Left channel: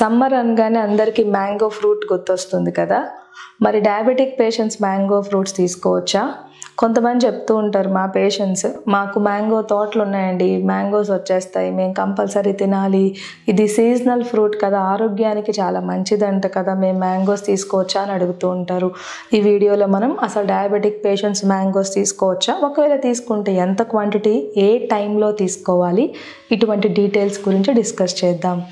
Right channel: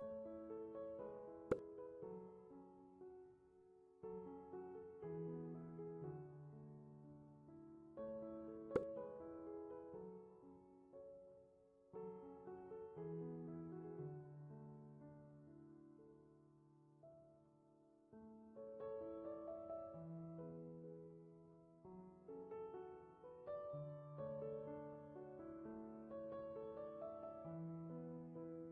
Summer అనగానే అందరికీ mango fruit గుర్తొస్తుంది కదా! మరి డయాబెటిక్ పేషెంట్స్ మ్యాంగో ఫ్రూట్స్ తీసుకోవచ్చా? కొంతమంది చెప్తూ ఉంటారు మా పేషెంట్స్, "మాకు మ్యాంగో తోటలున్నాయండి. మ్యాంగోస్ వచ్చేస్తాయి. మేము కంపల్సరీ తినాలి. ఇది సీజనల్ ఫ్రూట్ కదా! ఆరోగ్యానికి చాలా మంచిదంట కదా! మేము మ్యాంగోస్ తీసుకోవచ్చా?" అని అడుగుతూ ఉంటారు. ఈ వీడియోలో మనం అసలు డయాబెటిక్ పేషెంట్స్ మ్యాంగోస్ తీసుకోవచ్చా? ఒకవేళ తీసుకుంటే ఎంత క్వాంటిటీ, ఏ టైంలో తీసుకోవాలి? ఇటువంటి డీటెయిల్స్ గురించి డిస్కస్ చేద్దాం.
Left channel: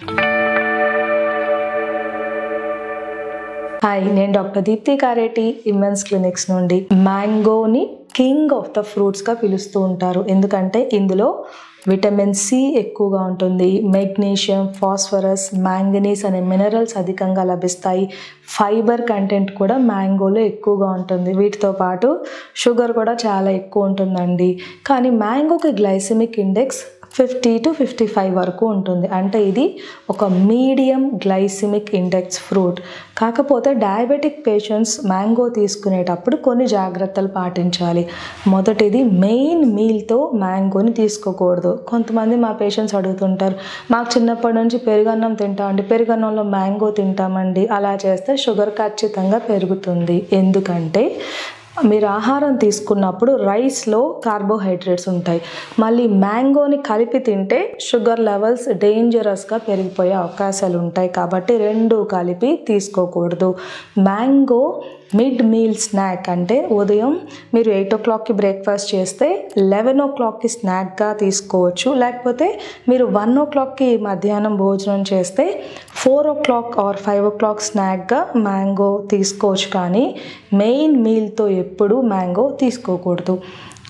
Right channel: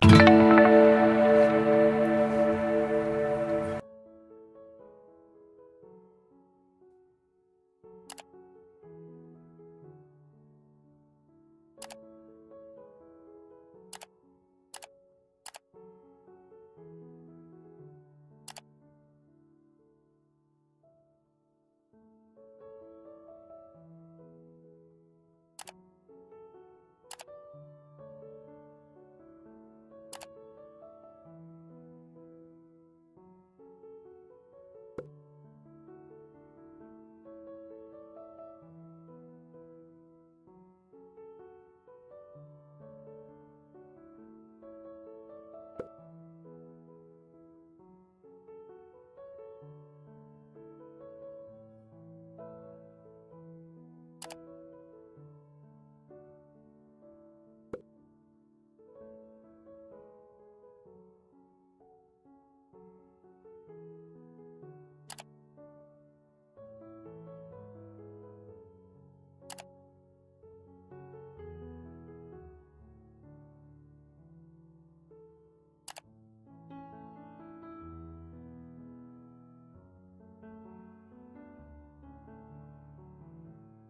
హాయ్, నేను డాక్టర్ దీప్తి కారేటి, ఇమ్మెన్స్ క్లినిక్స్ నుండి. మ్యాంగోని కింగ్ ఆఫ్ ద ఫ్రూట్స్గా పిలుస్తూ ఉంటారు. ఎందుకంటే ఇందులో విటమిన్ సి ఎక్కువగా ఉంటుంది, మెగ్నీషియం, ఫాస్ఫరస్, మ్యాంగనీస్ అనే మినరల్స్ అధికంగా లభిస్తాయి. ఫైబర్ కంటెంట్ కూడా మ్యాంగోలో ఎక్కువగా ఉంటుంది. వీటితో పాటు షుగర్ కూడా చాలా ఎక్కువ ఉంటుందండి. కానీ మ్యాంగోకి గ్లైసెమిక్ ఇండెక్స్ 50 to 55 వరకు ఉంటుంది. అంటే ఇది ఒక మీడియం గ్లైసెమిక్ ఇండెక్స్ ఫ్రూట్. కాకపోతే డయాబెటిక్ పేషెంట్స్ మ్యాంగో తీసుకునేటప్పుడు కొన్ని జాగ్రత్తలు పాటించాలి. మొదటిది, మెయిన్ మీల్తో మ్యాంగోని తీసుకోకూడదు. కొంతమంది మా పేషెంట్స్ అడుగుతుంటారు, "మాకు చిన్నప్పటి నుంచి పెరుగన్నం తింటామండి, పెరుగన్నంలో మ్యాంగో తింటామండి." అలా చేస్తే షుగర్ ఖచ్చితంగా పెరుగుతుంది. ఎందుకంటే మీరు ఆహారం తీసుకున్నప్పుడు రైస్లో కార్బోహైడ్రేట్స్ ఉంటాయి. మళ్ళీ మ్యాంగోని కలిపి తింటే షుగర్ లెవెల్స్ డేంజరస్గా పెరిగిపోయే అవకాశాలు ఉంటాయి. కాబట్టి రెండు కలిపి తీసుకోకూడదు. మ్యాంగో మిడ్ మీల్ స్నాక్, అంటే ఉదయం మీరు 8 o'clockకి బ్రేక్ఫాస్ట్ చేస్తే 11 o'clockకి స్నాక్గా తీసుకోవచ్చు. లేకపోతే మీరు 1 o'clockకి మధ్యాహ్నం భోజనం చేస్తే 4 o'clock or 5 o'clock స్నాక్గా మ్యాంగో తీసుకోవచ్చు. కానీ మెయిన్ మీల్తో ఎప్పుడు మ్యాంగో తీసుకోకూడదు.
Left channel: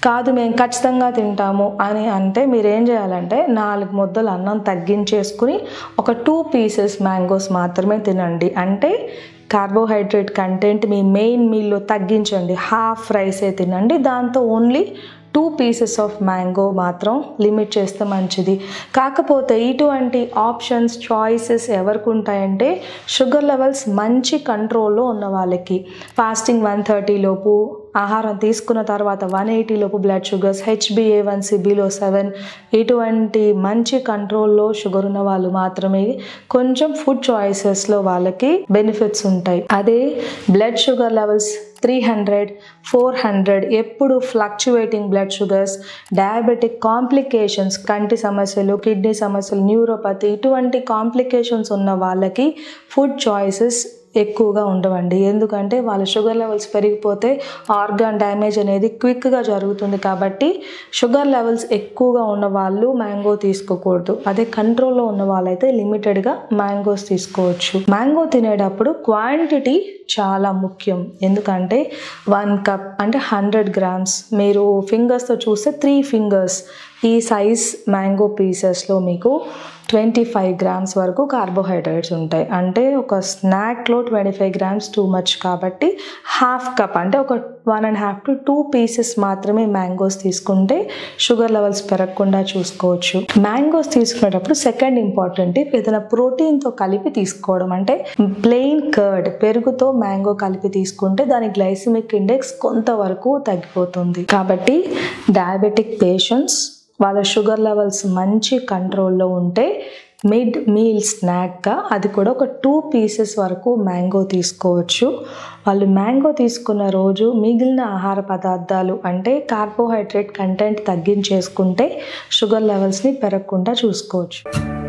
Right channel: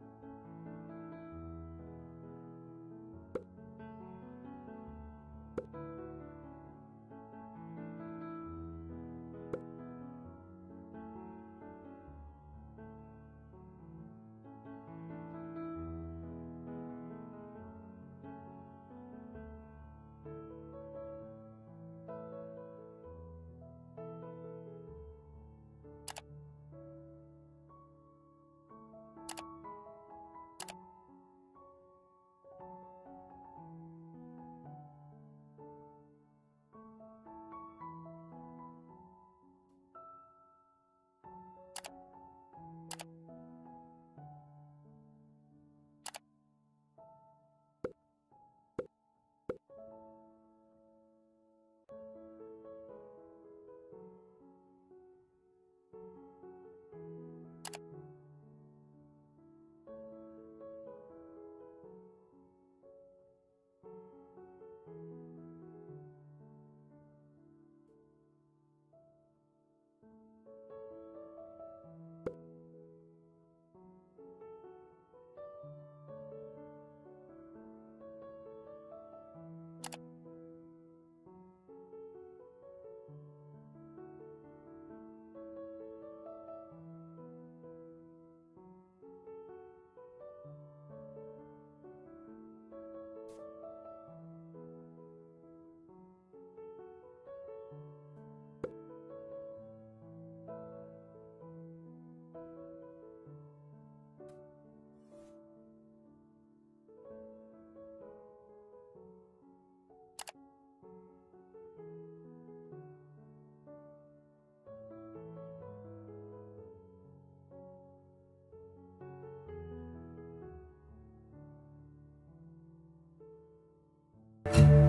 కాదు, మేము ఖచ్చితంగా తింటాము అని అంటే మీరు ఏం చేయాలంటే 4 ముద్దలు అన్నం తగ్గించేసుకుని ఒక 2 pieces మ్యాంగోస్ మాత్రమే తినండి. అంటే కార్బోహైడ్రేట్ కంటెంట్ మీ మెయిన్ మీల్లో తగ్గించండి. హాఫ్ రైసే తినండి. దాంతో ఓన్లీ 2 pieces ఆఫ్ మ్యాంగో మాత్రం లిమిట్ చేస్తే మంచిది. కాకపోతే ఇటువంటి ఆప్షన్స్, చాయిసెస్ ఎవరికి ఉంటాయంటే షుగర్ లెవెల్స్ మంచి కంట్రోల్లో ఉన్న వాళ్ళకి. ఫాస్టింగ్ 130 లోపు, ఆహారం తీసుకున్న తర్వాత 180 లోపు బ్లడ్ షుగర్స్, HbA1c బిలో 7, ఇటువంటి మంచి కంట్రోల్లో షుగర్ ఉన్న వాళ్ళు మాత్రమే కొంచెం ఫుడ్ చాయిసెస్లో వాళ్ళకి బెనిఫిట్స్ ఉంటాయి. అదే బ్లడ్ షుగర్ లెవెల్స్ 300, 400 ఎప్పుడు fluctuating blood sugars, diabetic complications, కంటి సమస్యలు, కిడ్నీ సమస్యలు, న్యూరోపతి, ఇటువంటి కాంప్లికేషన్స్ ఉన్న వాళ్ళకి ఫుడ్ చాయిసెస్ ఎక్కువగా ఉండవండి. ఎందుకంటే వాళ్ళ షుగర్ లెవెల్స్ పెరిగిపోతే ఆర్గాన్ డ్యామేజ్ అనేది క్విక్గా జరుగుతుంది. కాబట్టి షుగర్ లెవెల్స్ ఎక్కువగా ఉన్న వాళ్ళు మ్యాంగో తీసుకోకూడదు. అదే కంట్రోల్లో ఉన్న వాళ్ళైతే లిమిటెడ్గా మ్యాంగోస్ తీసుకోవచ్చు. మ్యాంగో తినేటప్పుడు క్వాంటిటీ చాలా ముఖ్యం. ఎందుకంటే 1 cup అంటే 100 grams, మీరు ఫింగర్స్తో చూస్తే 3 fingers ఈ సైజ్ మ్యాంగో పీసెస్లో మీకు 25 grams వరకు కార్బోహైడ్రేట్స్ ఉంటాయి. అంటే ఒక స్నాక్లో 25 grams టూ మచ్. కాబట్టి హాఫ్ కప్ అంటే ఒక 1.5 to 2 pieces మాత్రమే మ్యాంగోస్ తీసుకుంటే షుగర్ లెవెల్స్ పెరగకుండా చూసుకోవచ్చు. మ్యాంగోస్ తీసుకునేటప్పుడు సెకండ్ ఇంపార్టెంట్ టిప్, ఏదైనా ప్రోటీన్తో కలిపి తీసుకోవడం. అంటే ప్లెయిన్ కర్డ్, పెరుగుతో మ్యాంగో కలిపి తీసుకుంటే దాని గ్లైసెమిక్ ఇండెక్స్ కొంతవరకు తగ్గిపోతుంది. కాబట్టి డయాబెటిక్ పేషెంట్స్ వాళ్ళ షుగర్ లెవెల్స్ మంచి కంట్రోల్లో ఉంటే మిడ్ మీల్ స్నాక్గా అది కూడా ఒక 2 pieces వరకు మ్యాంగో తీసుకోవచ్చు. వాళ్ళు మ్యాంగో తీసుకున్న రోజు మిగిలిన ఆహార పదార్థాలు అంటే కార్బోహైడ్రేట్ కంటెంట్ తగ్గించేసుకుంటే షుగర్ లెవెల్స్ని పెరగకుండా చూసుకోవచ్చు.